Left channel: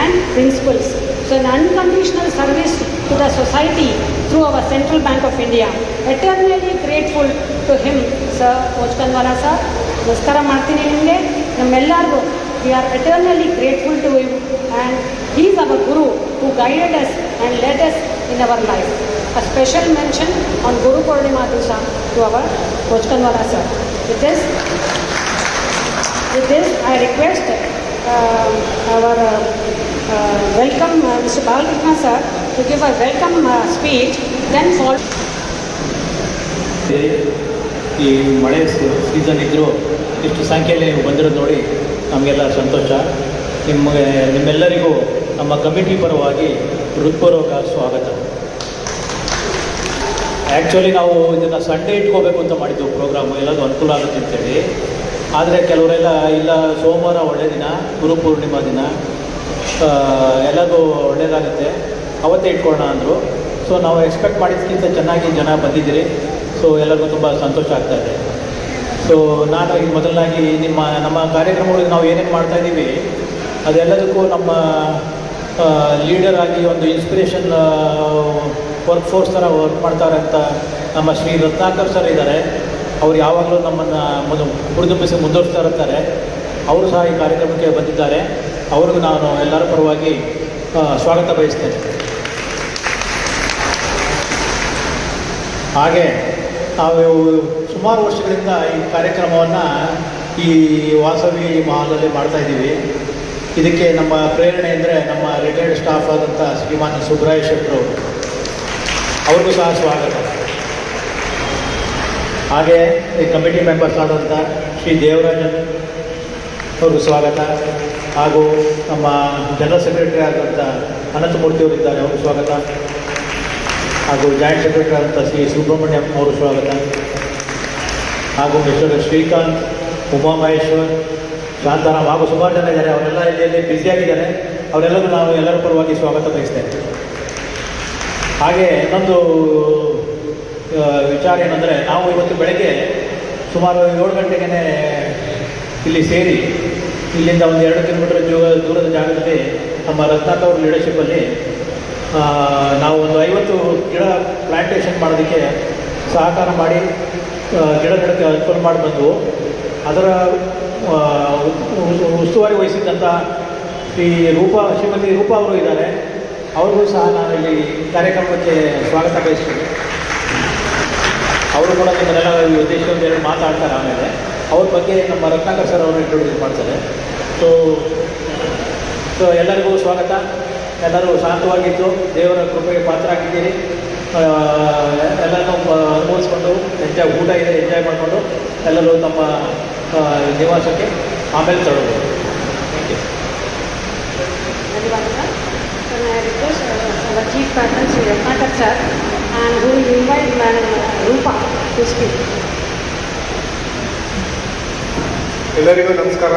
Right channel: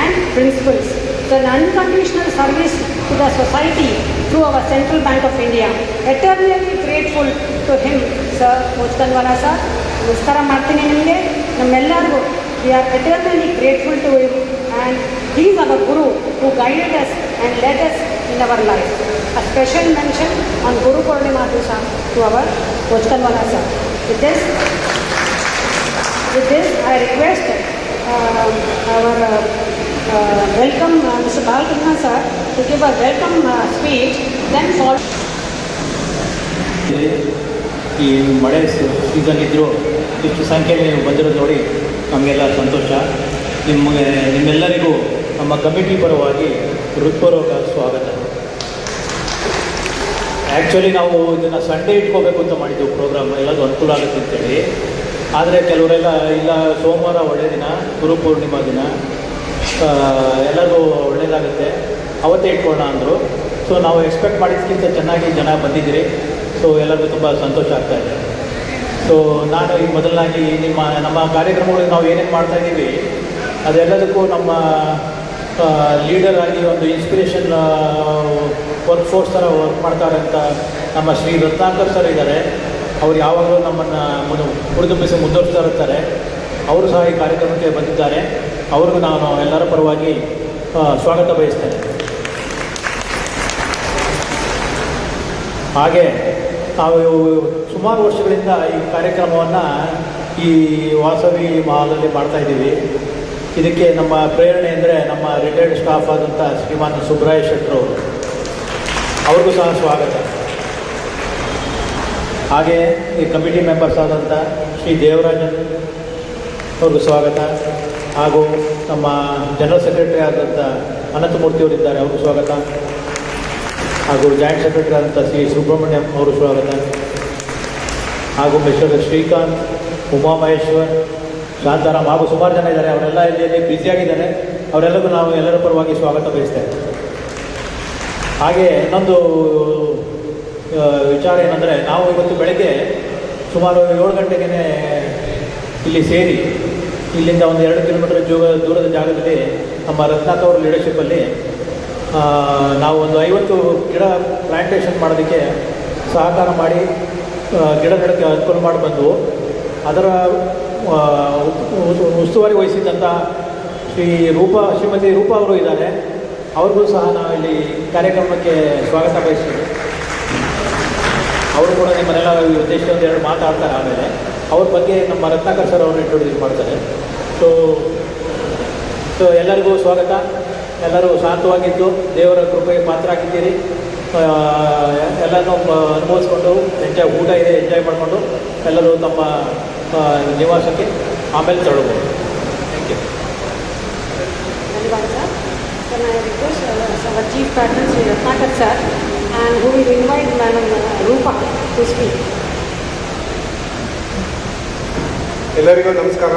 and principles. So an unconditional service to the society through our Central Bank of India. Eternally grateful to him, Sir Ochkandwala sir. ನಮಸ್ಕಾರ ಮಾಡ್ತೀನಿ ನಿಮಗೆ. ನಮ್ಮೆಲ್ಲರಿಗೂ we are eternally grateful to him, and he is our Guru who guided us and led us in our life. A special mention on Guru Purnima to our Ochkandwala sir. With this I request our welcome Mr. Balkrishna sir to give a welcome speech, then for ಈ ಮಳೆ season ಇದ್ದರೂ ಇಷ್ಟು ಸಂಖ್ಯೆಯಲ್ಲಿ ಬಂದಿರೋದು ನೋಡಿ ನಮಗೆಲ್ಲ ಸಂತೋಷ. ನಿಮ್ಮೆಲ್ಲರಿಗೂ ನಮ್ಮ ಕಮಿಟಿ ಪರವಾಗಿ ಹೃತ್ಪೂರ್ವಕ ಸ್ವಾಗತ. ಆ್ಯಕ್ಚುಲಿ ನಾವು ಇದನ್ನು ಸಂಡೇ ಇಟ್ಕೋಬೇಕು ಅಂತ ಮಾಡಿದ್ದು ಪ್ರೋಗ್ರಾಮ್, ಎಲ್ಲರೂ ಅನುಕೂಲ ಆಗುತ್ತೆ ಅಂತೇಳಿ. ಆದರೆ ಕೆಲವರೆಲ್ಲ ಇಲ್ಲ ಸೋಮವಾರ ಒಳ್ಳೆಯ ದಿನ, ಗುರುಪೂರ್ಣಿಮಾ ದಿನ, ಎಲ್ಲರೂ ಒಳ್ಳೆಯದಾಗುತ್ತೆ ಅವತ್ತೇ ಇಟ್ಕೊಳ್ಳೋಣ ಅಂದರು. ಸೊ ನಾವು ಎಕ್ಸ್ಪೆಕ್ಟ್ ಮಾಡಿದ್ದಕ್ಕಿಂತ ಚೆನ್ನಾಗಿ ಜನ ಬಂದಿದ್ದೀರಿ. ಸೊ ಎಲ್ಲರಿಗೂ ತುಂಬ ಸಂತೋಷ ಆಗ್ತಾಯಿದೆ. ಸೊ ನಾನು ಈಗ ಮೊದಲನಾಗಿ ನಮ್ಮ ಕಾರ್ಯಕ್ರಮಗಳಿಗೆ ನಾವು ಏನೇನು ಮಾಡ್ತಾಯಿದ್ದೀವಿ ಅದೆಲ್ಲದಕ್ಕೂ ನಮ್ಮ ಲೀಡರ್ ಆಗಿ ಒಂದು ಇನ್ಸ್ಪಿರೇಷನ್ ವರ್ಕ್ ಫೋರ್ಸ್ ಥರ ವರ್ಕ್ ಮಾಡ್ತಾರೆ ಅಂತ ನಮ್ಮ ಶ್ರೀ ರತ್ನಾಕರ್ ಸರ್ ಇದ್ದಾರೆ. ಅವರು ಯಾವಾಗಲೂ ನಮ್ಮನ್ನು ಹುರಿದುಂಬಿಸಿ ಮುಂದುವರಿಸ್ತಾ ಇರ್ತಾರೆ. ಅವರು ಸಹ ಈ ಕಾರ್ಯಕ್ರಮಕ್ಕೆ ಬಂದಿದ್ದಾರೆ. ಅವ್ರಿಗೂ ನಾನು ಎಲ್ಲರ ಪರವಾಗಿ ಸ್ವಾಗತ ಬಯಸ್ತೇನೆ. ಹಾಗೆ ನಾವು ಸುಮಾರು ವರ್ಷಗಳಿಂದ ಈ ಕಾರ್ಯಕ್ರಮವನ್ನು ಈ ವಾಸವಿ ಮಹಾಲಲ್ಲಿ ಮಾಡ್ತಾಯಿದ್ದೀವಿ. ಇದಕ್ಕೆ ನಮ್ಮ ಪ್ರೇರಣೆ ಅಂದರೆ ನಮ್ಮ ರಿಟೈರ್ಡ್ ಸ್ಟಾಫ್ ಆದಂಥ ಶ್ರೀಮಾನ್ ಸುಬ್ರಾಯ ಶೆಟ್ಟರು, ಅವ್ರಿಗೂ ಸಹ ಸ್ವಾಗತ. ಹಾಗೆ ಈ ಕಮಿಟಿ ಮೆಂಬರ್ಸ್ ಆದಂಥ ಶ್ರೀ ದೇವರಾಜನ್ ಅವ್ರಿಗೂ ಸ್ವಾಗತ. ಹಾಗೂ ನಮ್ಮ ಜನರಲ್ ಸೆಕ್ರೆಟರಿ ಆದಂಥ ಅನಂತಮೂರ್ತಿಯವರಿದ್ದಾರೆ, ಅವ್ರಿಗೂ ಸ್ವಾಗತ. ಹಾಗೂ ಜಾಯಿಂಟ್ ಸೆಕ್ರೆಟರಿ ಆದಂಥ ಶ್ರೀ ಸುಬ್ರಹ್ಮಣ್ಯಂ ಅವರು ಸ್ವಾಗತ. ಹಾಗೂ ಮಿಸ್ಟರ್ ಶ್ರೀಕಾಂತ್, ಉಮಾಮಹೇಶ್ವರ್, ಶಾಂತಾರಾಮ್ ಹಾಗೂ ಸುಮಾರು ಜನ ಇದ್ದಾರೆ. ಅವರೆಲ್ಲ ಇಲ್ಲಿ ಬ್ಯುಸಿಯಾಗಿದ್ದಾರೆ. ಅವರೆಲ್ಲರೂ ನಾವು ಎಲ್ಲರ ಪರವಾಗಿ ಸ್ವಾಗತ ಬಯಸ್ತೇವೆ. ಹಾಗೆ ಇನ್ನೊಂದು ವಿಚಾರ ಏನಂದರೆ, ನಾವು ಇವತ್ತು ಬೆಳಗ್ಗೆ ಸುಮಾರು 7 ಗಂಟೆಗೆ ಇಲ್ಲಿ ಸೇರಿ ಇಲ್ಲಿಂದ ಒಂದು 2 ಕಿಲೋಮೀಟರ್ ದೂರದ ಜಾಗದಲ್ಲಿ ನಮ್ಮ ರತ್ನಾಕರ್ ಅವ್ರ ಲೀಡರ್ಶಿಪ್ಪಲ್ಲಿ ನಾವು ಒಂದು 50 ಗಿಡ ಪ್ಲಾಂಟೇಷನ್ ಮಾಡೋದಕ್ಕೆ ಸಹಕಾರ ಮಾಡಿ ಗಿಡಗಳಿಗೆ ಅನುಕೂಲ ಮಾಡಿ ಬಂದು ಅದರ ಉಸ್ತುವಾರಿ ವಹಿಸಿದಂಥ ಶ್ರೀಮತಿ ರೂಪಾ ಅವರು ಇದ್ದಾರೆ. ಅವ್ರಿಗೂ ಸಹ ನಾನಲ್ಲಿ ಕಾರ್ಯಕ್ರಮಕ್ಕೆ ಸ್ವಾಗತ ಬಯಸ್ತೀನಿ. ಅವರು ಕೂಡ ನಿಮ್ಮನ್ನೆಲ್ಲ ಉದ್ದೇಶದಿಂದ ಮಾತಾಡ್ತಾರೆ. ಆಮೇಲೆ ಅವ್ರ ಬಗ್ಗೆ ನಮ್ಮ ರತ್ನಾಕರ್ ಸರ್ ಅವರು ಇಂಟ್ರೊಡ್ಯೂಸ್ ಮಾಡ್ತಾರೆ. ಸೊ ಎಲ್ಲರಿಗೂ ಸ್ವಾಗತ. ಎಲ್ಲರೂ ಶಾಂತವಾಗಿದ್ದು ದೇವರ ಕೃಪೆಗೆ ಪಾತ್ರ ಆಗಿದ್ದೀರಿ. ಎಲ್ಲನೂ ಅನುಭವಿಸ್ಕೊಂಡು ಊಟ ಇದೆ ಎಂಜಾಯ್ ಮಾಡಿಕೊಂಡು ಎಲ್ಲರೂ ತಮ್ಮ ನಿವಾಸಕ್ಕೆ ಆಮೇಲೆ ತಗೊಳ್ಬೋದು. Thank you. Our chief patron Sri Ratnakar sir, who will invite Madam Rupa to speak. ಎಲ್ಲರಿಗೂ ನಮಸ್ಕಾರ.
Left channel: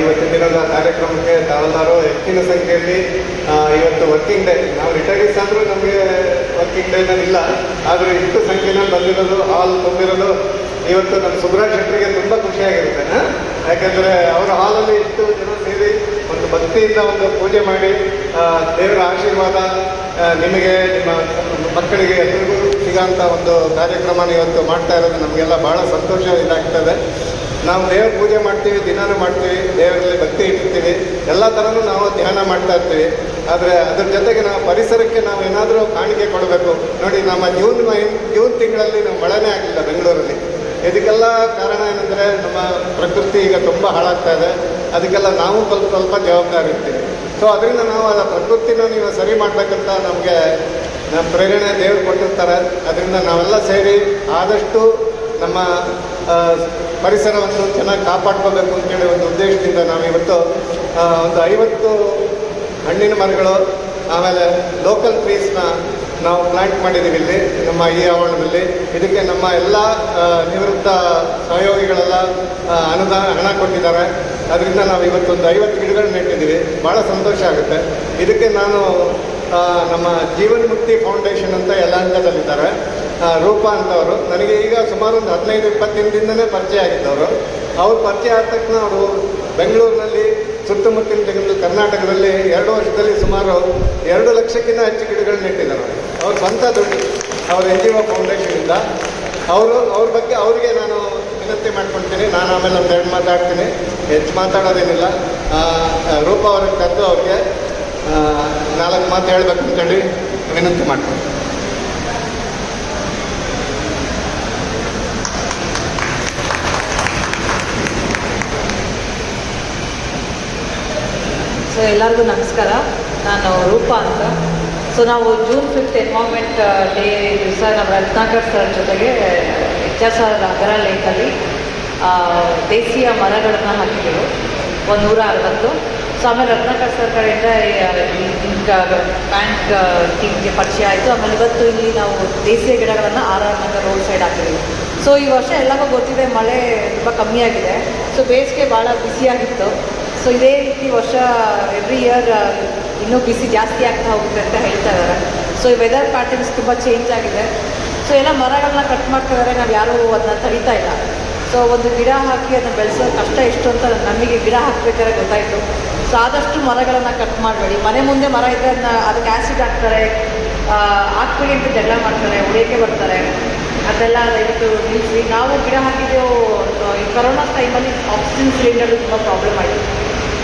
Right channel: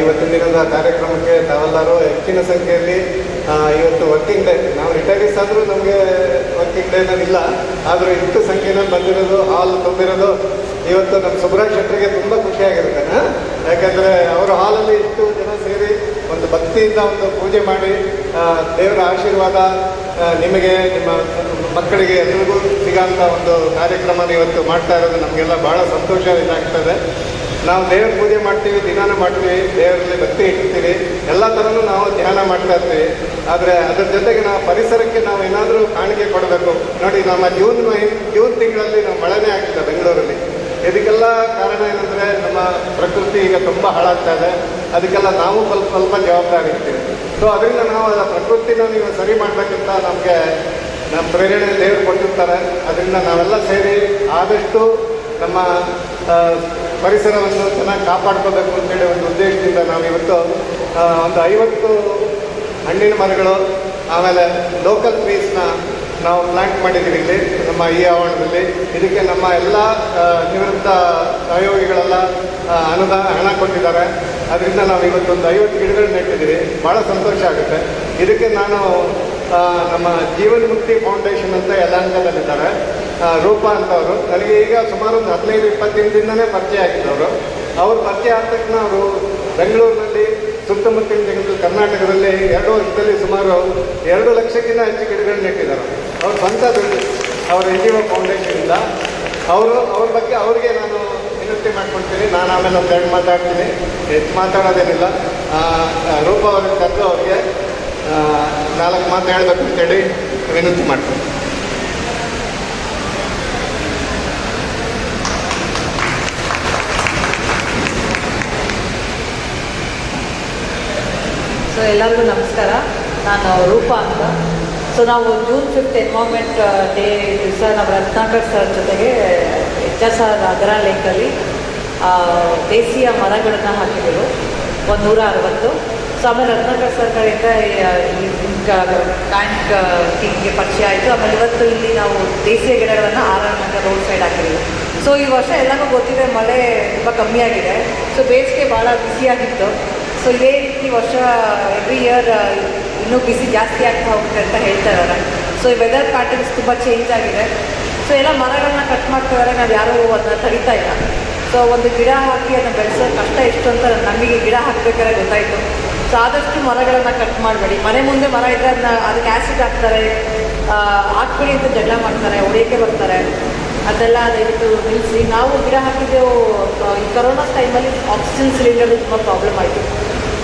ಇವತ್ತಿನ ದಿನದ ಕಾರ್ಯಕ್ರಮಕ್ಕೆ ತಾವೆಲ್ಲರೂ ಹೆಚ್ಚಿನ ಸಂಖ್ಯೆಯಲ್ಲಿ ಇವತ್ತು ವರ್ಕಿಂಗ್ ಡೇ, ನಾವು ರಿಟೈರ್ಸ್ ಆದರೂ ನಮಗೆ ವರ್ಕಿಂಗ್ ಡೇ ಇಲ್ಲ, ಆದರೆ ಇಷ್ಟು ಸಂಖ್ಯೆಯಲ್ಲಿ ಬಂದಿರೋದು, ಹಾಲ್ ಬಂದಿರೋದು ಇವತ್ತು ನಮ್ಮ ಸುಬ್ರಾಯ ಶೆಟ್ಟರಿಗೆ ತುಂಬ ಖುಷಿಯಾಗಿರುತ್ತೆ. ಯಾಕಂದರೆ ಅವರ ಹಾಲಲ್ಲಿ ಇಷ್ಟು ಜನ ಸೇರಿ ಒಂದು ಭಕ್ತಿಯಿಂದ ಒಂದು ಪೂಜೆ ಮಾಡಿ ದೇವರ ಆಶೀರ್ವಾದ ನಿಮಗೆ, ನಿಮ್ಮ ಮಕ್ಕಳಿಗೆ ಎಲ್ರಿಗೂ ಸಿಗೋಂಥ ಒಂದು ಕಾರ್ಯಕ್ರಮನ ಇವತ್ತು ಮಾಡ್ತಾ ಇರೋದು ನಮಗೆಲ್ಲ ಭಾಳ ಸಂತೋಷ ಇದಾಗ್ತದೆ. ನಾವು ದೇವರ ಪೂಜೆ ಮಾಡ್ತೀವಿ, ದಿನಾನು ಮಾಡ್ತೀವಿ, ದೇವರಲ್ಲಿ ಭಕ್ತಿ ಇಡ್ತೀವಿ, ಎಲ್ಲ ಥರನೂ ನಾವು ಧ್ಯಾನ ಮಾಡ್ತಾ ಇರ್ತೀವಿ. ಆದರೆ ಅದ್ರ ಜೊತೆಗೆ ನಾವು ಪರಿಸರಕ್ಕೆ ನಾವು ಏನಾದರೂ ಕಾಣಿಕೆ ಕೊಡಬೇಕು. ನೋಡಿ, ನಮ್ಮ ಜೂನ್ ತಿಂಗಳಲ್ಲಿ ನಾವು ಮಳೆನೇ ಆಗಿಲ್ಲ ಬೆಂಗಳೂರಲ್ಲಿ. ಇದಕ್ಕೆಲ್ಲ ಕಾರಣ ಏನಂದರೆ ನಮ್ಮ ಪ್ರಕೃತಿ ಈಗ ತುಂಬ ಹಾಳಾಗ್ತಾ ಇದೆ. ಅದಕ್ಕೆಲ್ಲ ನಾವು ಸ್ವಲ್ಪ ಜವಾಬ್ದಾರಿ ಇರ್ತೀವಿ. ಸೊ ಅದರಿಂದ ನಾವು ಆ ಪ್ರಕೃತಿನ ನೀವು ಸರಿ ಮಾಡ್ಬೇಕಂತ ನಮಗೆ ನಮ್ಮ ಪ್ರೇರಣೆ ದೇವರು ಕೊಟ್ಟಿರ್ತಾರೆ. ಅದರಿಂದ ನಾವೆಲ್ಲ ಸೇರಿ ಆದಷ್ಟು ನಮ್ಮ ಪರಿಸರವನ್ನು ಚೆನ್ನಾಗಿ ಕಾಪಾಡ್ಕೋಬೇಕು ಅಂತೇಳಿ ಒಂದು ಉದ್ದೇಶದಿಂದ ನಾವಿವತ್ತು ಒಂದು 50 ಹಣ್ಣಿನ ಮರಗಳು, ಆಮೇಲೆ ಲೋಕಲ್ ಟ್ರೀಸ್ನ ನಾವು ಪ್ಲಾಂಟ್ ಮಾಡಿದ್ದೀವಿ ಇಲ್ಲಿ ನಮ್ಮ ಈ ಆವರಣದಲ್ಲಿ. ಇದಕ್ಕೆ ನಮ್ಮ ಎಲ್ಲ ನಿವೃತ್ತ ಸಹಯೋಗಿಗಳೆಲ್ಲ ಹಣ ಕೊಟ್ಟಿದ್ದಾರೆ. ಅದರಿಂದ ನಾವು ಇವತ್ತೊಂದು 50 ಗಿಡಗಳು ನೆಟ್ಟಿದ್ದೀವಿ. ಭಾಳ ಸಂತೋಷ ಆಗುತ್ತೆ. ಇದಕ್ಕೆ ನಾನು ನಮ್ಮ ಜೀವನ್ ಮುಕ್ತಿ ಫೌಂಡೇಶನ್ ಅಂತ ಯಲಹಂಕದಲ್ಲಿದ್ದಾರೆ, ರೂಪಾ ಅಂತವರು. ನನಗೆ ಈಗ ಸುಮಾರು ಒಂದು 15-20 ದಿನದಿಂದನೇ ಪರಿಚಯ ಆಗಿದ್ದವರು. ಅವ್ರು ಪರಿಚಯ ಆದ ತಕ್ಷಣ ಅವರು ಬೆಂಗಳೂರಿನಲ್ಲಿ, ಸುತ್ತಮುತ್ತಲಿನ ಕರ್ನಾಟಕದಲ್ಲಿ ಲಕ್ಷಕ್ಕಿಂತ ಹೆಚ್ಚು ಗಿಡಗಳು ನೆಟ್ಟಿದ್ದಾರೆ. ಅವ್ರ ಸ್ವಂತ ದುಡ್ಡು, ಅವ್ರ NGO ಫೌಂಡೇಶನಿಂದ. ಅವ್ರ ಬಗ್ಗೆ ಅವರಿಗೆ ನಾನು ವಿನಂತಿ ಮಾಡ್ಕೊಳ್ತೀನಿ. ನಾನು ಆಮೇಲೆ ಒಂದೆರಡು ಮಾತಾಡ್ತೀನಿ, ಹೆಚ್ಚು ಮಾತಾಡೋದೇನಿಲ್ಲ. ರೂಪ ಅವ್ರಿಗೆ ಕರೆದು ಅವ್ರಿಗೆ 4 ಮಾತು ಹೇಳಬೇಕು ಅಂತೇಳಿ ವಿನಂತಿ ಮಾಡ್ತೀನಿ. ಸೊ ಎಲ್ಲರಿಗೂ ನಮಸ್ಕಾರ. ನಾನು ರೂಪ ಅಂತ. ಸೊ ನಾವು June 5th ಎನ್ವೈರ್ಮೆಂಟ್ ಡೇ ದಿವಸ ನಾವು ರತ್ನಾಕರ್ ಸರ್ ಜೊತೆಗೆ HSR ಅಗರ ಲೇಕಲ್ಲಿ ದೇಶೀಯ ಮರಗಳನ್ನು ಹಾಕಿದ್ರು 160. ಸೊ ಆಮೇಲೆ ರತ್ನಾಕರ್ ಸರ್ ಕಡೆಯಿಂದ ಬ್ಯಾಂಕ್ ಸ್ಕೀಮ್ಗೆ ಪರಿಚಯ ಆಯಿತು. ಆಮೇಲೆ ಇವತ್ತು ಇಲ್ಲಿ ನಾವು ದೇಶೀಯ ಗಿಡಗಳನ್ನು ಆರಾಮಾಗಿ ರೋಡ್ ಸೈಡ್ ಹಾಕಿದ್ದೀವಿ. ಸೊ ಈ ವರ್ಷ ಎಲ್ಲರಿಗೂ ಗೊತ್ತಿದೆ, ಮಳೆ ತುಂಬ ಕಮ್ಮಿ ಆಗಿದೆ. ಸೊ ಬೇಸಿಗೆ ಭಾಳ ಬಿಸಿಯಾಗಿತ್ತು. ಸೊ ಇದೇ ರೀತಿ ವರ್ಷ ಎವ್ರಿ ಇಯರ್ ಇನ್ನೂ ಬಿಸಿ ಜಾಸ್ತಿ ಆಗ್ತಾ ಹೋಗುತ್ತೆ ಅಂತ ಹೇಳ್ತಾ ಇದ್ದಾರೆ. ಸೊ ಈ ವೆದರ್ ಪ್ಯಾಟರ್ನ್ಸ್ ತುಂಬ ಚೇಂಜ್ ಆಗಿದೆ. ಸೊ ಎಲ್ಲ ಮರಗಳನ್ನ ಕಟ್ ಮಾಡ್ತಿದ್ದಾರೆ, ನಾವು ಯಾರೂ ಅದನ್ನ ತಡಿತಾ ಇಲ್ಲ. ಸೊ ಒಂದು ಗಿಡ ಹಾಕಿ ಅದನ್ನ ಬೆಳೆಸೋ ಕಷ್ಟ ಎಷ್ಟು ಅಂತ ನಮಗೆ ಗಿಡ ಹಾಕಬೇಕಾದ್ರೆ ಗೊತ್ತಾಯಿತು. ಸೊ ಆದಷ್ಟು ಮರಗಳನ್ನು ಕಟ್ ಮಾಡಬೇಡಿ. ಮನೆ ಮುಂದೆ ಮರ ಇದ್ದರೆ ಅದಕ್ಕೆ ಆ್ಯಸಿಡ್ ಹಾಕ್ತಾರೆ, ಹಾಕ್ಬೇಡಿ ಅಂತ ಜಗಳ ಮಾಡ್ತಾರೆ, ಹೊಡೆಯೋಕ್ಕೆ ಬರ್ತಾರೆ. ಅದೆಲ್ಲ ದಯವಿಟ್ಟು ನಿಲ್ಲಿಸಿ. ನಾವು ಗಿಡ ಹಾಕಿದ್ದು ಈ ಕೊರೋನಾ ಟೈಮಲ್ಲಿ ಆಕ್ಸಿಜನ್ ಸಿಲಿಂಡರ್ ತುಂಬ ಪ್ರಾಬ್ಲಮ್ ಆಯಿತು.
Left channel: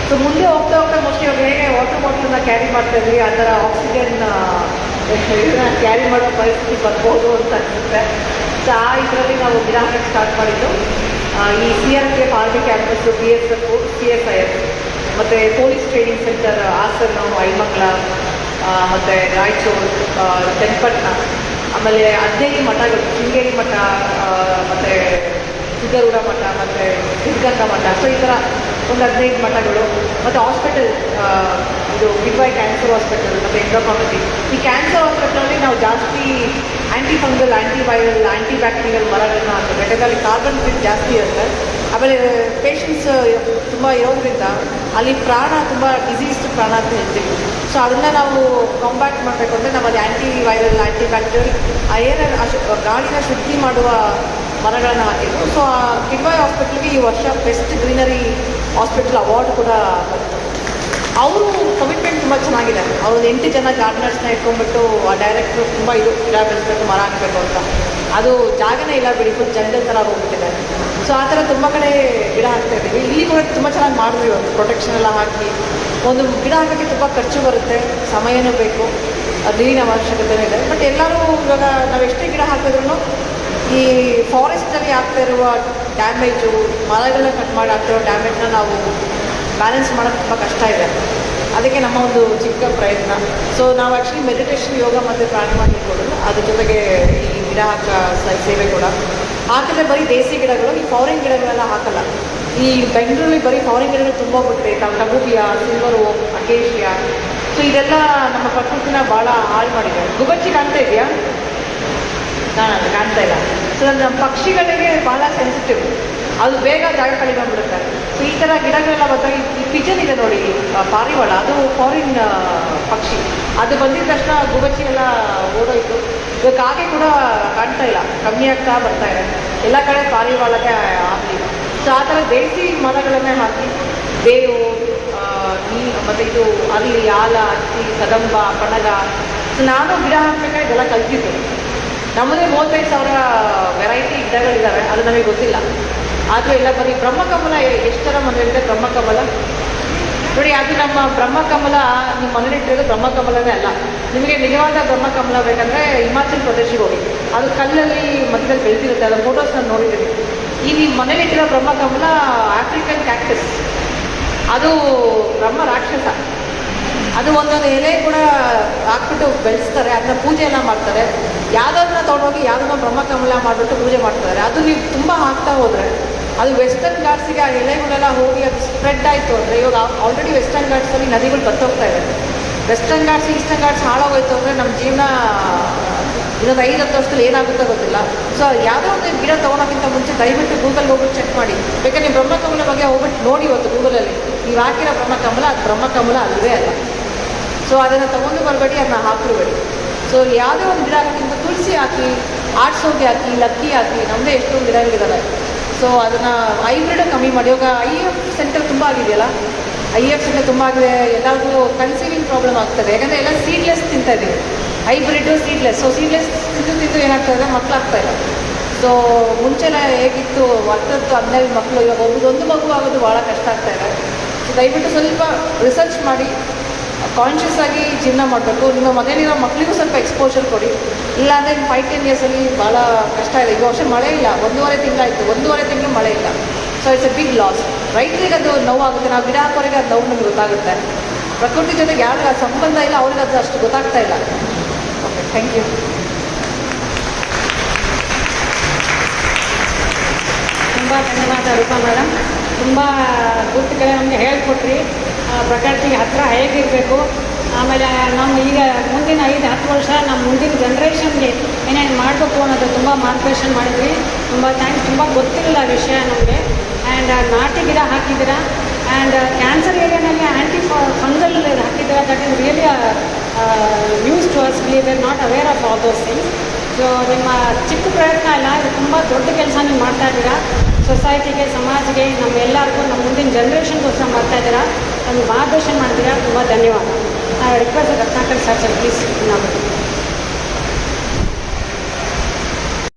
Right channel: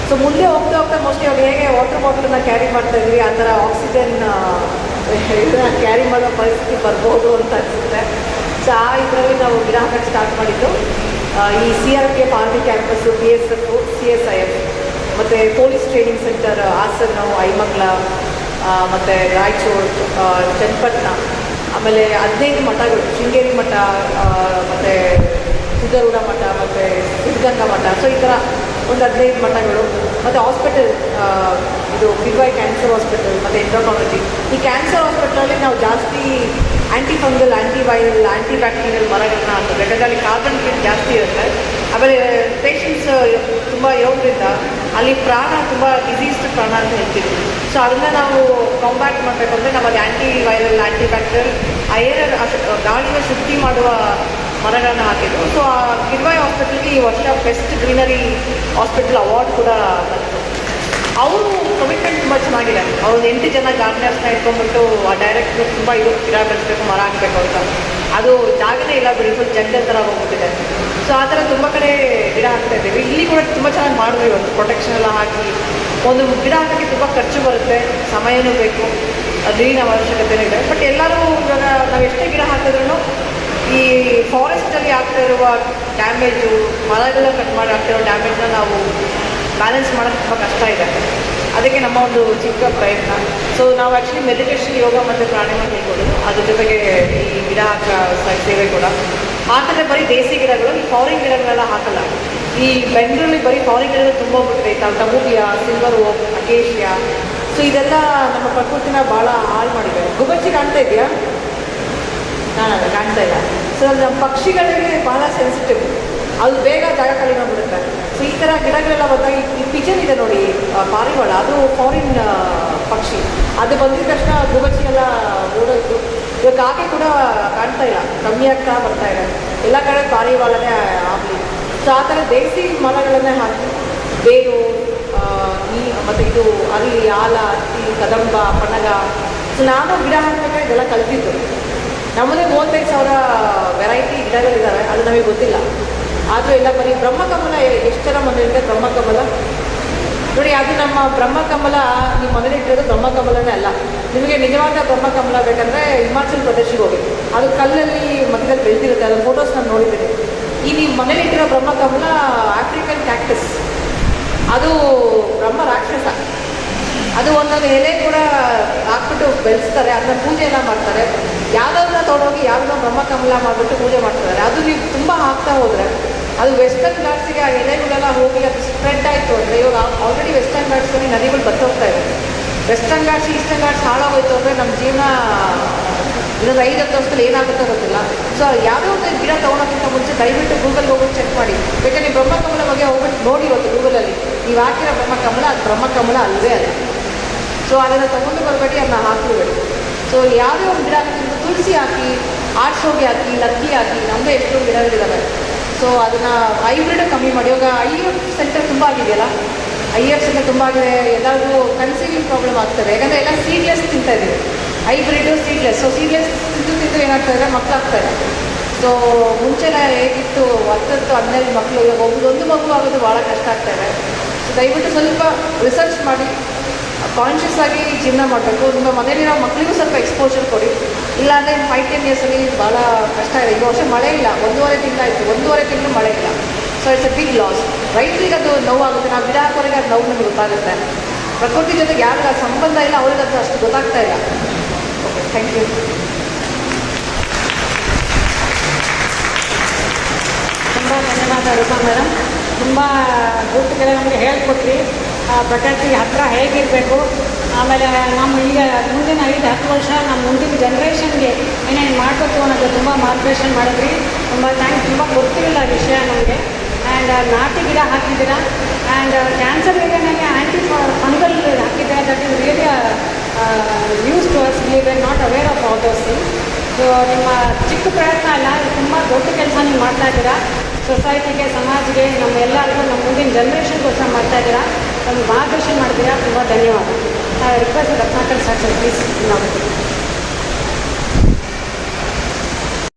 ಸೊ ಮುಂದೆ ಹೋಗ್ತಾ ಹೋಗ್ತಾ ಮೋಸ್ಟ್ಲಿ ಅವ್ರು ಹೇಗೆ ವಾಟರ್ ಬಾಟಲ್ನ ಕ್ಯಾರಿ ಮಾಡ್ತಾ ಇದ್ವಿ, ಆ ಥರ ಆಕ್ಸಿಜನ್ ಇದನ್ನ ಕ್ಯಾರಿ ಮಾಡೋ ಪರಿಸ್ಥಿತಿ ಬರ್ಬೋದು ಅಂತ ಅನಿಸುತ್ತೆ. ಸೊ ಆ ಇದರಲ್ಲಿ ನಾವು ಗಿಡ ಹಾಕಿ ಸ್ಟಾರ್ಟ್ ಮಾಡಿದ್ದು. ಈ CRPF army campus, BSF, CSIF ಮತ್ತು ಪೊಲೀಸ್ ಟ್ರೈನಿಂಗ್ ಸೆಂಟರ್ ಹಾಸನ, ಐಮಂಗ್ಲ, ಮತ್ತು ರಾಯಚೂರು, ಚನ್ನಪಟ್ಟಣ, ಆಮೇಲೆ 15 ಮಠಗಳು, ಶೃಂಗೇರಿ ಮಠ, ಮತ್ತು ಸಿದ್ಧಗಂಗಾ ಮಠ, ಮತ್ತು ಸಿದ್ಧಗಂಗಾ ಮಠ. ಸೊ ಈ ಥರ ಒಂದು 15 ಮಠಗಳು, ಮತ್ತು ಹಾಸ್ಪಿಟಲ್, ಇದು BY ಕ್ಯಾನ್ಸರ್ ಹಾಸ್ಪಿಟಲ್ ಮತ್ತು ಎಂಡೋಕ್ರೈನಾಲಜಿ. ಈ ಕ್ಯಾನ್ಸರ್ ಹಾಸ್ಪಿಟಲಲ್ಲಿ ನಾವು ಜಾಸ್ತಿ ಆ್ಯಂಟಿ ಫಂಗಲ್, ಆ್ಯಂಟಿವೈರಲ್, ಆ್ಯಂಟಿ ಬ್ಯಾಕ್ಟೀರಿಯಲ್ ಮರಗಳನ್ನ ಹಾಕಿದ್ರೆ ಯಾಕಂದರೆ ಕಾರ್ಬನ್ ಫಿಟ್ ಜಾಸ್ತಿ ಇರುತ್ತೆ. ಆಮೇಲೆ ಪೇಷಂಟ್ಸ್ ತುಂಬ ಇರೋದ್ರಿಂದ ಅಲ್ಲಿ ಪ್ರಾಣ ತುಂಬ ಡಿಸೀಸ್ಡ್ ಪ್ರಾಣ ಅಂತ ಹೇಳ್ತೀವಿ. ಸೊ ಅದನ್ನು ನಾವು ಕಾಂಬ್ಯಾಕ್ಟ್ ಮಾಡಬೇಕಂದ್ರೆ ನಾವು ಅದು ಆ್ಯಂಟಿವೈರಲ್, ಆ್ಯಂಟಿ ಬ್ಯಾಕ್ಟೀರಿಯಲ್, ಗಾಳಿನ ಶುದ್ಧಿ ಮಾಡುವ ಮರಗಳನ್ನು ಹಾಕಿದ್ರು. ಸೊ ಆ ಕಿಡ್ವಾಯ್ ಹಾಸ್ಪಿಟಲ್ಗೆ ಈ ವರ್ಷ ಬೆಸ್ಟ್ ಗ್ರೀನರಿ ಹಾಸ್ಪಿಟಲ್ ಅವಾರ್ಡ್ ಕೂಡ. ಅವರು ಕಮಿಟ್ಮೆಂಟ್ ತುಂಬ ಚೆನ್ನಾಗಿದೆ. ಅವ್ರು 8 ಜನ ಗಾರ್ಡನರ್ಸ್ನ ಇಟ್ಕೊಂಡ್ಬಿಟ್ಟು ಆ ಡೈರೆಕ್ಟ್ರು ತುಂಬ ಗಿಡ ಬೆಳೆಸಬೇಕು, ಮರ ಹಾಕಬೇಕು ಅಂತ. ಅದು ಜಾಗನೇ ಇಲ್ಲ ಬಿಡಿ, ಜಂಗಲ್ ಥರ ಹೋಗ್ಬಿಟ್ಟಿದೆ. ಸೊ ಆ ಥರ ತುಂಬ ಕಡೆ ಗಿಡ ಹಾಕ್ತಾ ಇದ್ದೀವಿ. ಇಲ್ಲಿ ಕೂಡ ತುಂಬ ಚೆನ್ನಾಗಿ ಮಾಡಿದ್ವಿ. ಒಂದು ಪ್ರೊಟೆಕ್ಷನ್ ಎಲ್ಲ ಹಾಕಿ ಒಂದು ಗಿಡ ಹಾಕೋಕ್ಕೆ ತುಂಬ ಖರ್ಚು ಬರುತ್ತೆ, ಸಮಯನೂ ಬೇಕು, ನೀರಿನ ಅವಶ್ಯಕತೆನೇ ಇದೆ. ಬಟ್ ಎಲ್ಲರೂ ಇವಾಗ ನಾವು ಎಷ್ಟೇ ಗಿಡ ಹಾಕಿದ್ರೂ ಈ ಫಾರೆಸ್ಟಲ್ಲಿ ಆಗ್ತಾ ಇರುವ ಡ್ಯಾಮೇಜು, ಮರಗಳನ್ನ ಕಟ್ ಮಾಡಿ ಆಗ್ತಾ ಇರೋ ಡ್ಯಾಮೇಜ್ನ ನಾವು ಬ್ಯಾಲೆನ್ಸ್ ಮಾಡೋದು ತುಂಬ ಕಷ್ಟ ಇದೆ. ಅದಕ್ಕೆ ನಮ್ಮ ಒಂದು ಚಿಕ್ಕ ಪ್ರಯತ್ನ. ಸೊ ನಾವು ಆ್ಯಕ್ಚುಲಿ ಮೆಡಿಟೇಷನ್, ಯೋಗ ಮತ್ತು ಪ್ರಾಣಾಯಾಮ ಹೇಳ್ಬೋದು, ಅದ್ರ ಜೊತೆಗೆ ಈ ಗಿಡ ಸೇವೆ ಕೂಡ. ಹಾಕಿದ್ರೆ ಬರೀ ದೇಸಿ ಗಿಡಗಳು, ಈ ಫಾರಿನ್ ಗಿಡಗಳೆಲ್ಲ ಹಾಕಲ್ಲ. ಈ ಬೆಂಗಳೂರಲ್ಲಿ ಬರೀ ಫಾರಿನ್ ಗಿಡಗಳು ತುಂಬ ಹೋಗ್ಬಿಟ್ರೆ, ಕಬೂಬಿಯಾ, ಸಿಲ್ವರು, ಅಕೇಶಿಯಾ. ಸೊ ಇದೆಲ್ಲ ನಮ್ಮ ಪ್ರಕೃತಿನ ಭಾಳ ಹಾಳು ಮಾಡಿದೆ. ಗುಬಚ್ಚಿ ಕಾಣ್ತಾ ಇದೆಯಾ? ಕಾಣ್ತಾ ಇಲ್ಲ. ಸೊ ನಮ್ಮ ಪಕ್ಷಿಗಳಿಗೆ ಭಾಳ ಸೆನ್ಸಿಟಿವ್, ಅದು ಬೇಗ ಜಾಗ ಖಾಲಿ ಮಾಡಿಬಿಡುತ್ತೆ. ಸೊ ಈ ಥರ ಗಿಡಗಳೆಲ್ಲ ಬಂದಾಗ ಈ ಪಿಜನ್ ಇದೆ ನೋಡಿ, ಪಾರಿವಾಳ, ಅದು ಫಾರಿನ್ ಪಕ್ಷಿ. ಅದು ಬಂದಿದ ತಕ್ಷಣ ಗುಬಚ್ಚಿ ಎಲ್ಲ ಓಡೋಯ್ತು. ಇವಾಗ ಕಾಗೆ ಕೂಡ ಕಾಣ್ತಾ ಇಲ್ಲ, ಕಮ್ಮಿ ಆಗ್ತಾ ಬರ್ತಾ ಇದೆ. ಎಲ್ಲ ಕಡೆ ಪಾರಿವಾಳನೇ ಆಗಲಿ. ಸೊ ಆ ಥರ ದೇಸಿ ಮರಗಳನ್ನೇ ಹಾಕಿ ಬೇವು, ಮತ್ತು ಇದು ಅಲ್ಲಿ ಆಲ, ಹತ್ತಿ, ಕದಂಬ, ಪಣಗ. ಸೊ ನಾನು ಗಿಡ ಹಾಕಬೇಕಾದ್ರೆ ಇದೆಲ್ಲ ಕಲ್ತಿದ್ದೆ. ನಮ್ಮದೇ 35,000 ವೆರೈಟಿ ಗಿಡಗಳಿದ್ದಾವೆ, ಅದು ನಮಗೆ ಗೊತ್ತಿಲ್ಲ. ಆದರೆ ಎಲ್ಲ ಬರೀ ಬ್ರಹ್ಮಕಮಲ, ಎಷ್ಟು ಜನ ಮನೆಯಲ್ಲಿದೆ ಬ್ರಹ್ಮಕಮಲ ನೋಡಿ. ಅದು ನಮ್ಮ ಬ್ರಹ್ಮಕಮಲ, ನಿಮ್ಮ ಮನೇಲಿಟ್ಟಿರೋದು ಬ್ರಹ್ಮಕಮಲನೇ ಅಲ್ಲ. ನಿಮಗೆ ನಿಜವಾದ ಬ್ರಹ್ಮಕಮಲ ಬೇಕಂದರೆ ಹಿಮಾಚಲ ಪ್ರದೇಶಕ್ಕೆ ಹೋಗಿ, ಅದು ಕಲ್ಲಲ್ಲಿ ಮಧ್ಯದಲ್ಲಿ ಬೆಳೆದಿರುತ್ತೆ. ಅದರ ಫೋಟೋಸ್ ನಾನು ನೋಡಿದ್ದೀನಿ. ಈ ನಿಮ್ಮ ಮನೇಲಿಟ್ಟಿರೋ ಬ್ರಹ್ಮಕಮಲ ಆಫ್ರಿಕನ್ ಕ್ಯಾಕ್ಟಸ್, ಅದು ಬ್ರಹ್ಮ ರಾಕ್ಷಸ. ಅದು ಒಂದೊಂದು ಎಲೆ ಕೂಡ ಹಾಕ್ಬಿಟ್ಟು ಬೆಳೆಸ್ತಾರೆ, ಅದನ್ನ ಪೂಜೆ ಎಲ್ಲ ಮಾಡ್ತಾರೆ. ಯಾವುದನ್ನ ತೊಗೊಂಡೋಗಿ ಯಾವುದನ್ನ ಬ್ರಹ್ಮಕಮಲ ಮಾಡಿಬಿಟ್ಟು ಪೂಜೆ ಮಾಡ್ತಾರೆ. ಅದು ನೀವು ತುಂಬ ಹಾಕ್ತಾ ಹೋದರೆ ಅದು ವೆಸ್ಟರ್ನ್ ಘಾಟ್ಸಿಗೆ ಆ ಎಲೆಗಳೆಲ್ಲ ಹೋಗಿ ಅದು ಸ್ಪ್ರೆಡ್ ಆಯಿತು ಅಂದರೆ, ಇವಾಗ ಆಲ್ರೆಡಿ ವೆಸ್ಟರ್ನ್ ಘಾಟ್ಸಲ್ಲಿ ನದಿಗಳು ಬತ್ತೋಗ್ತಾ ಇದೆ. ವೆಸ್ಟರ್ನ್ ಘಾಟ್ಸ್, ಈಸ್ಟರ್ನ್ ಘಾಟ್ಸ್ ಹಾಳಾಗೋಯ್ತು ಅಂದರೆ ನಮ್ಮ ಜೀವನ ಇನ್ನೊಂದು 5-10 ವರ್ಷದಲ್ಲಿ ಏನಾಗುತ್ತೋ ಗೊತ್ತಿಲ್ಲ. ಸೊ ಯಾವುದೋ ಒಂದು ಗಿಡ ತೊಗೊಳೋಕ್ಕಿಂತ ಮುಂಚೆ ದಯವಿಟ್ಟು ಗೂಗಲ್ ಹೋಗ್ಬಿಟ್ಟು ಚೆಕ್ ಮಾಡಿ. ಯಾಕಂದರೆ ಬ್ರಹ್ಮಕಮಲ ಬಗ್ಗೆ ಹೋಗ್ಬಿಟ್ಟು ನೋಡಿ ಇವತ್ತು ಗೂಗಲಲ್ಲಿ ನೀವು ಹಾಕಿರೋ ಬ್ರಹ್ಮಕಮಲ, ಅದು ಬ್ರಹ್ಮಕಮಲ ಅಲ್ಲವೇ ಅಲ್ಲ. ಸೊ ಅದನ್ನು ತೊಗೊಂಡು ಬರಬೇಡಿ, ಅದನ್ನ ಹಾಕ್ಬಿಡ್ಬೇಡಿ. ಸೊ ಯಾವುದೇ ಒಂದು ಗಿಡ ಹಾಕಿಂತ ತುಳಸಿ ಹಾಕಿ, ಆಡ್ಸೋಗಿ ಹಾಕಿ, ಲತ್ತಿ ಹಾಕಿ, ನಮ್ಮದೇ ಎಷ್ಟೋ ಗಿಡಗಳಿದ್ದಾವೆ. ಸೊ ಅದನ್ನು ಹೈಬ್ರಿಡ್ ಕಮ್ಮಿ ಮಾಡಿ. ಇವಾಗ IF ಸೆಂಟರ್ ತುಂಬ ಆಗಿದೆಯಲ್ಲ, IFs ತುಂಬ ಆಗಿದೆ, ಎಲ್ಲರಿಗೂ ಕನ್ಸೀವಿಂಗ್ ಪ್ರಾಬ್ಲಮ್ ಆಗ್ತದೆ. ಯಾಕಂದರೆ ಎಲ್ಲ ಸೀಡ್ಲೆಸ್ ತಿಂತಾ ಇದ್ದೀವಿ, ಹೈಬ್ರಿಡು ಸೀಡ್ಲೆಸ್. ಸೊ ಸೀಡ್ಲೆಸ್ ತಿಂದು ಏನಾಗ್ತದೆ, ಮಕ್ಕಳಾಗ್ತಾರೆ. ಸೊ ಮುಂಚೆನೇ ಹೇಗಿತ್ತು 10-12 ಮಕ್ಕಳು, ಇವಾಗ ಒಂದು ಮಗು ಆಗೋದು ಭಾಳ ಕಷ್ಟ ಆಗ್ತಾಯಿದೆ. ಸೊ ದಯವಿಟ್ಟು ಸ್ವಲ್ಪ ರಿಸರ್ಚ್ ಮಾಡಿ ಕಾನ್ಷಿಯಸ್ ಆಗಿ ಜೀವನ ಮಾಡಬೇಕು. ನಿಮ್ಮ ಮನೆಯಲ್ಲಿನ ಮಕ್ಕಳಿಗೂ ಸ್ವಲ್ಪ ಎಕ್ಸ್ಪೋಜರ್ ಕೊಡಿ. ಇಲ್ಲಾಂದರೆ 5-10 ಇಯರ್ಸಲ್ಲಿ ಭಾಳ ಕಷ್ಟ ಇದೆ. ಈ ವರ್ಷ ಮಳೆ ಇಲ್ಲ, 1.5 ತಿಂಗಳಾಯಿತು, 1.5 ತಿಂಗಳು ಮಳೆ ಇಲ್ಲ. So it's a big loss. ರೈತರಿಗೆ ಅದು ನೋವಾಗುತ್ತೆ, ನಾವು ಗಿಡ ಹಾಕೋರಿಗೆ ಅದು ನೋವು ನಮಗೆ ಗೊತ್ತಾಗುತ್ತೆ. ಪ್ರಕೃತಿ ಜೊತೆಗೆ ಯಾರಿಗ ಸಂಬಂಧ ಇಲ್ಲ, ಅವ್ರಿಗೆ ಅದು ಅಷ್ಟು ಗೊತ್ತಾಗ್ತಾ ಇಲ್ಲ. Thank you. ತುಂಬ ಧನ್ಯವಾದ ರೂಪಾ ಮೇಡಮ್. ತುಂಬ ಗುಟ್ಟುಗಳ ನಮಗೆ ಹೇಳ್ಕೊಟ್ರಿ, ಪ್ರಕೃತಿಗೆ ಹತ್ತಿರ ಹೇಗಿರಬೇಕು. ಆಮೇಲೆ ನಮ್ಮ ಈಗ ಮುಂದಿನ 5-10 ವರ್ಷ ನಮ್ಮ ಮುಂದಿನ ಜನ್ರೇಷನ್ಗೆ ಏನೇನು ಮಾಡಬೇಕು ಅನ್ನೋದು ತುಂಬ ಮಾರ್ಗದರ್ಶನ ಮಾಡಿದ್ರಿ. ತುಂಬ ಥ್ಯಾಂಕ್ಸ್. ತುಂಬ ಗೊತ್ತಿರಲಿಲ್ಲ ವಿಷಯ ನಮಗೆ. ಆ್ಯಂಡ್ ನಾಟಿ ಗಿಡ ಹಾಕಿದ್ದೀರಾ, ಆ್ಯಂಡ್ ಕ್ಯಾನ್ಸರ್ ಏರಿಯಾನಲ್ಲಿ ಆ್ಯಂಟಿ ಫಂಗಲ್ ಹಾಕಿದ್ದೀರಾ. That is really news to us. We are not aware of all those things. So ನಿಮ್ಮ ಚಿಕ್ಕ ಪ್ರಯತ್ನ ಅಲ್ಲ, ತುಂಬ ದೊಡ್ಡ ಕೆಲಸ ನೀವು ಮಾಡ್ತಾ ಇದ್ದೀರಾ. ಸೊಸೈಟಿಗೆ, ಸಮಾಜಿಗೆ, ನಮ್ಮೆಲ್ಲರಿಗೂ, ನಮ್ಮ ಮುಂದಿನ ಜನ್ರೇಷನ್ಗೋಸ್ಕರ ಮಾಡ್ತಾ ಇದ್ದೀರಾ. ಒಂದು ಮಾರ್ಗದರ್ಶನ ಮಾಡಿದ್ದೀರಾ. ತುಂಬ ಧನ್ಯವಾದ.